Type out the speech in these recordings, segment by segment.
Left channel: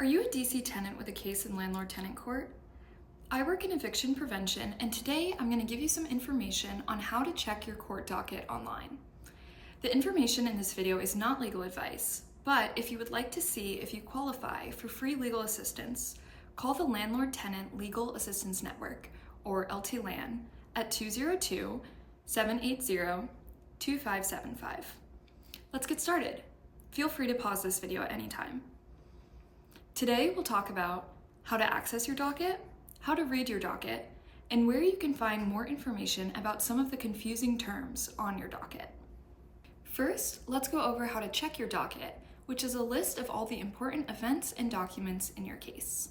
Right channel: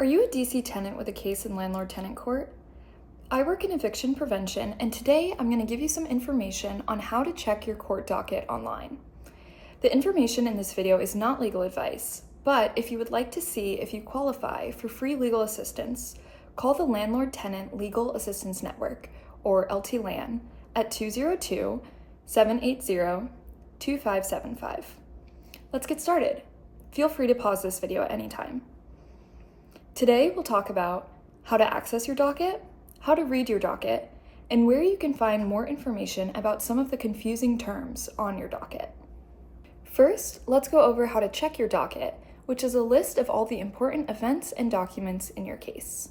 Are you a DC tenant with a case in Landlord-Tenant Court? I work in eviction prevention, and today I'm going to give you some information on how to check your court docket online. The information in this video is not legal advice, but if you would like to see if you qualify for free legal assistance, call the Landlord-Tenant Legal Assistance Network, or LTLAN, at 202-780-2575. Let's get started. Feel free to pause this video at any time. Today, we'll talk about how to access your docket, how to read your docket, and where you can find more information about some of the confusing terms on your docket. First, let's go over how to check your docket, which is a list of all the important events and documents in your case.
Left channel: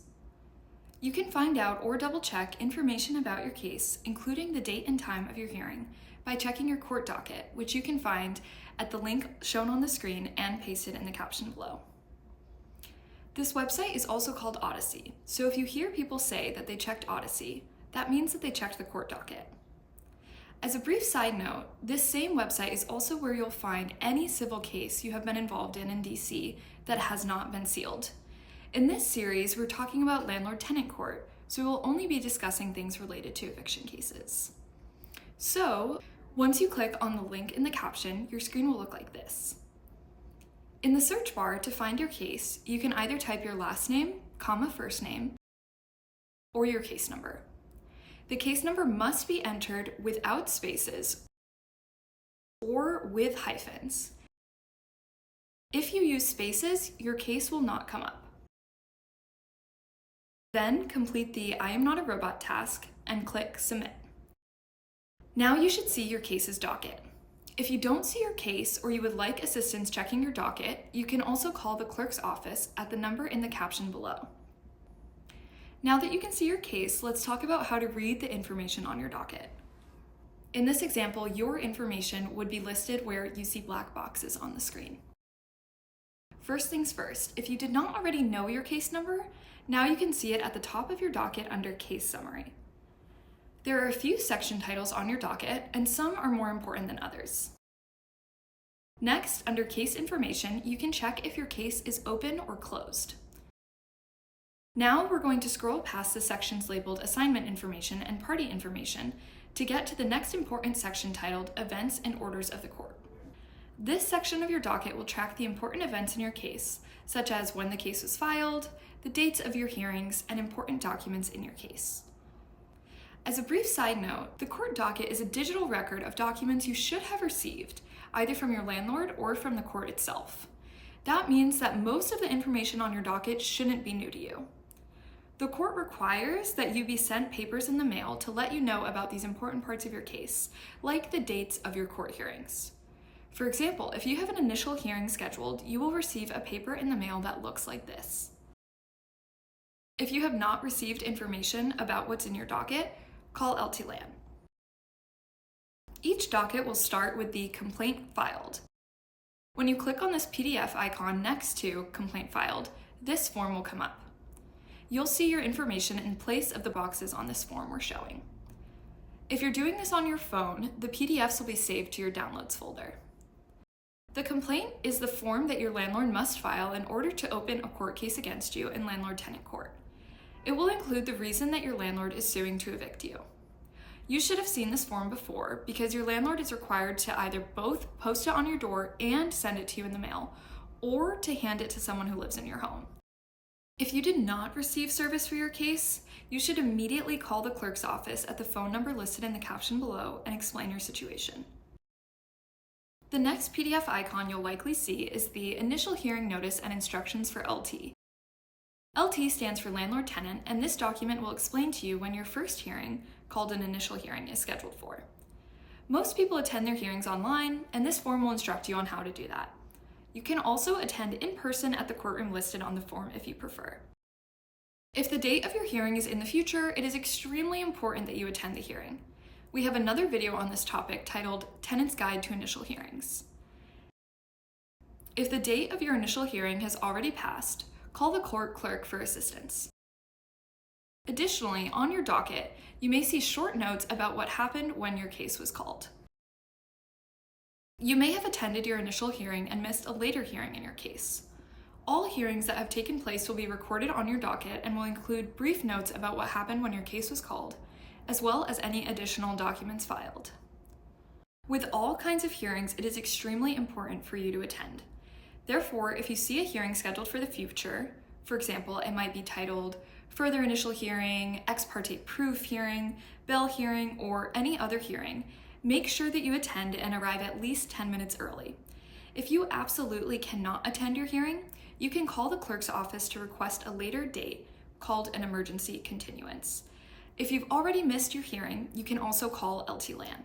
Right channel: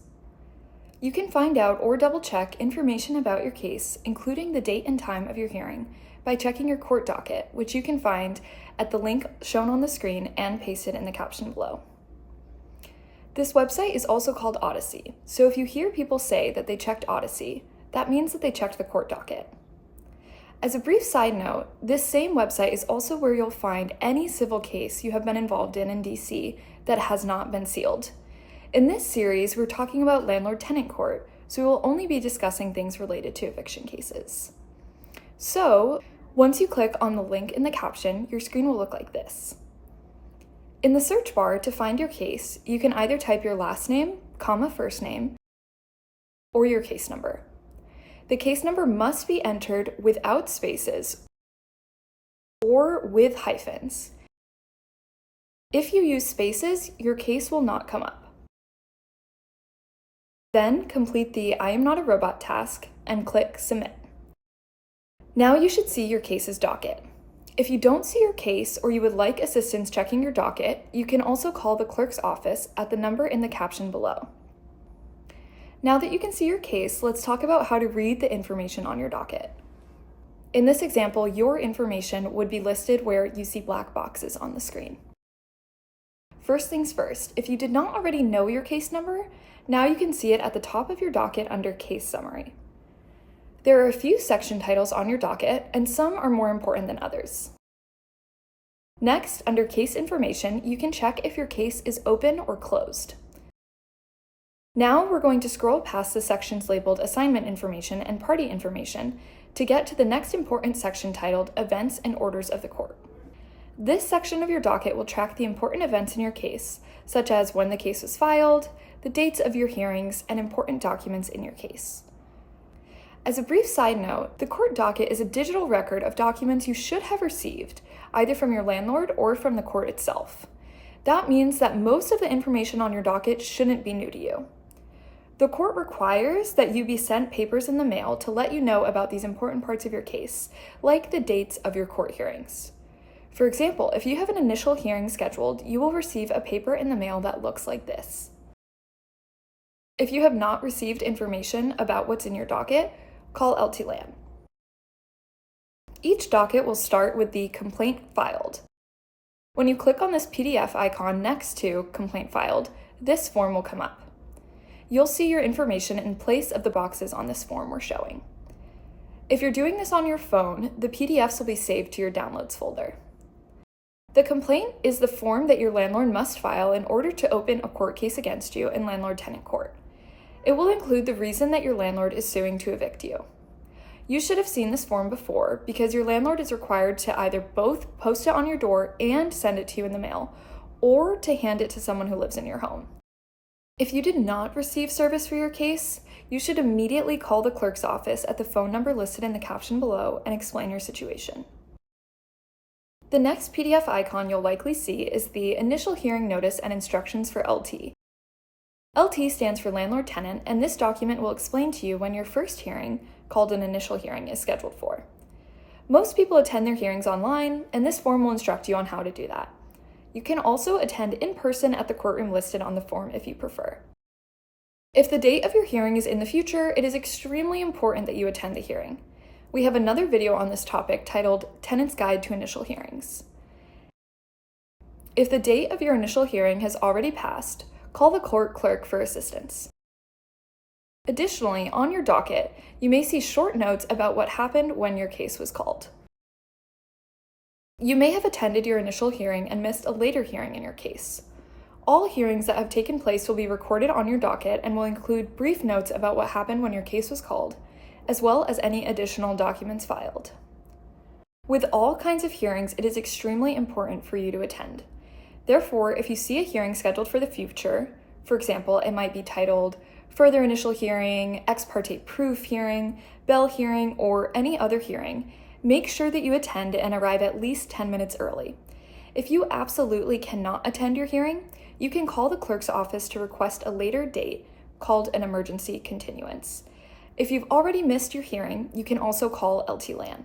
You can find out or double-check information about your case, including the date and time of your hearing, by checking your court docket, which you can find at the link shown on the screen and pasted in the caption below. This website is also called Odyssey, so if you hear people say that they checked Odyssey, that means that they checked the court docket. As a brief side note, this same website is also where you'll find any civil case you have been involved in DC that has not been sealed. In this series, we're talking about Landlord-Tenant Court, so we will only be discussing things related to eviction cases. So, once you click on the link in the caption, your screen will look like this. In the search bar, to find your case, you can either type your last name, first name, or your case number. The case number must be entered without spaces or with hyphens. If you use spaces, your case will not come up. Then complete the I am not a robot task and click Submit. Now you should see your case's docket. If you don't see your case or you would like assistance checking your docket, you can also call the clerk's office at the number in the caption below. Now that you can see your case, let's talk about how to read the information on your docket. In this example, your information would be listed where you see black boxes on the screen. First things first, if you did not already know your case number, now you can see it at the top of your docket under Case Summary. There are a few section titles on your docket, and some are more important than others. Next, under Case Information, you can check if your case is open or closed. Now we're going to scroll past the sections labeled Assignment Information and Party Information to get to the next important section titled Events and Orders of the Court. This section of your docket will track the important events in your case, such as when the case was filed, the dates of your hearings, and important documents in your case. As a brief side note, the court docket is a digital record of documents you should have received, either from your landlord or from the court itself. That means that most of the information on your docket shouldn't be new to you. The court requires that you be sent papers in the mail to let you know about these important parts of your case, like the dates of your court hearings. For example, if you have an initial hearing scheduled, you will receive a paper in the mail that looks like this. If you have not received information about what's in your docket, call LTLAN. Each docket will start with the complaint filed. When you click on this PDF icon next to complaint filed, this form will come up. You'll see your information in place of the boxes on this form we're showing. If you're doing this on your phone, the PDFs will be saved to your downloads folder. The complaint is the form that your landlord must file in order to open a court case against you in Landlord-Tenant Court. It will include the reason that your landlord is suing to evict you. You should have seen this form before because your landlord is required to either both post it on your door and send it to you in the mail, or to hand it to someone who lives in your home. If you did not receive service for your case, you should immediately call the clerk's office at the phone number listed in the caption below and explain your situation. The next PDF icon you'll likely see is the Initial Hearing Notice and Instructions for LT. LT stands for Landlord-Tenant, and this document will explain to you when your first hearing, called an initial hearing, is scheduled for. Most people attend their hearings online, and this form will instruct you on how to do that. You can also attend in person at the courtroom listed on the form if you prefer. If the date of your hearing is in the future, it is extremely important that you attend the hearing. We have another video on this topic titled Tenant's Guide to Initial Hearings. If the date of your initial hearing has already passed, call the court clerk for assistance. Additionally, on your docket, you may see short notes about what happened when your case was called. You may have attended your initial hearing and missed a later hearing in your case. All hearings that have taken place will be recorded on your docket and will include brief notes about what happened when your case was called, as well as any additional documents filed. With all kinds of hearings, it is extremely important for you to attend. Therefore, if you see a hearing scheduled for the future, for example, it might be titled Further Initial Hearing, Ex Parte Proof Hearing, Bail Hearing, or any other hearing, make sure that you attend and arrive at least 10 minutes early. If you absolutely cannot attend your hearing, you can call the clerk's office to request a later date called an emergency continuance. If you've already missed your hearing, you can also call LTLAN.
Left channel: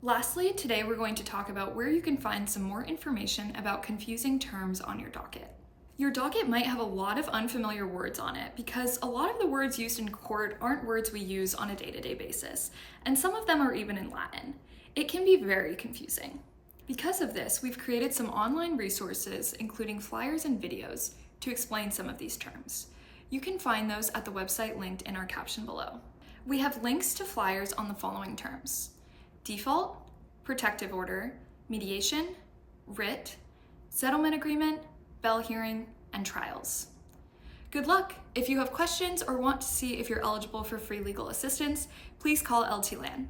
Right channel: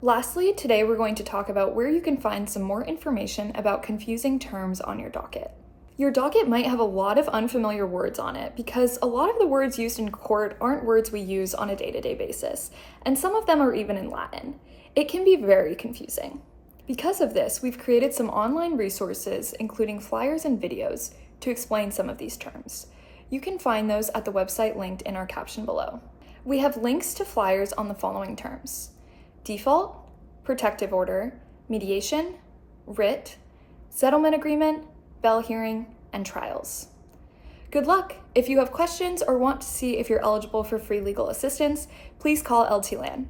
Lastly, today we're going to talk about where you can find some more information about confusing terms on your docket. Your docket might have a lot of unfamiliar words on it because a lot of the words used in court aren't words we use on a day-to-day basis, and some of them are even in Latin. It can be very confusing. Because of this, we've created some online resources, including flyers and videos, to explain some of these terms. You can find those at the website linked in our caption below. We have links to flyers on the following terms: default, protective order, mediation, writ, settlement agreement, bail hearing, and trials. Good luck! If you have questions or want to see if you're eligible for free legal assistance, please call LTLAN.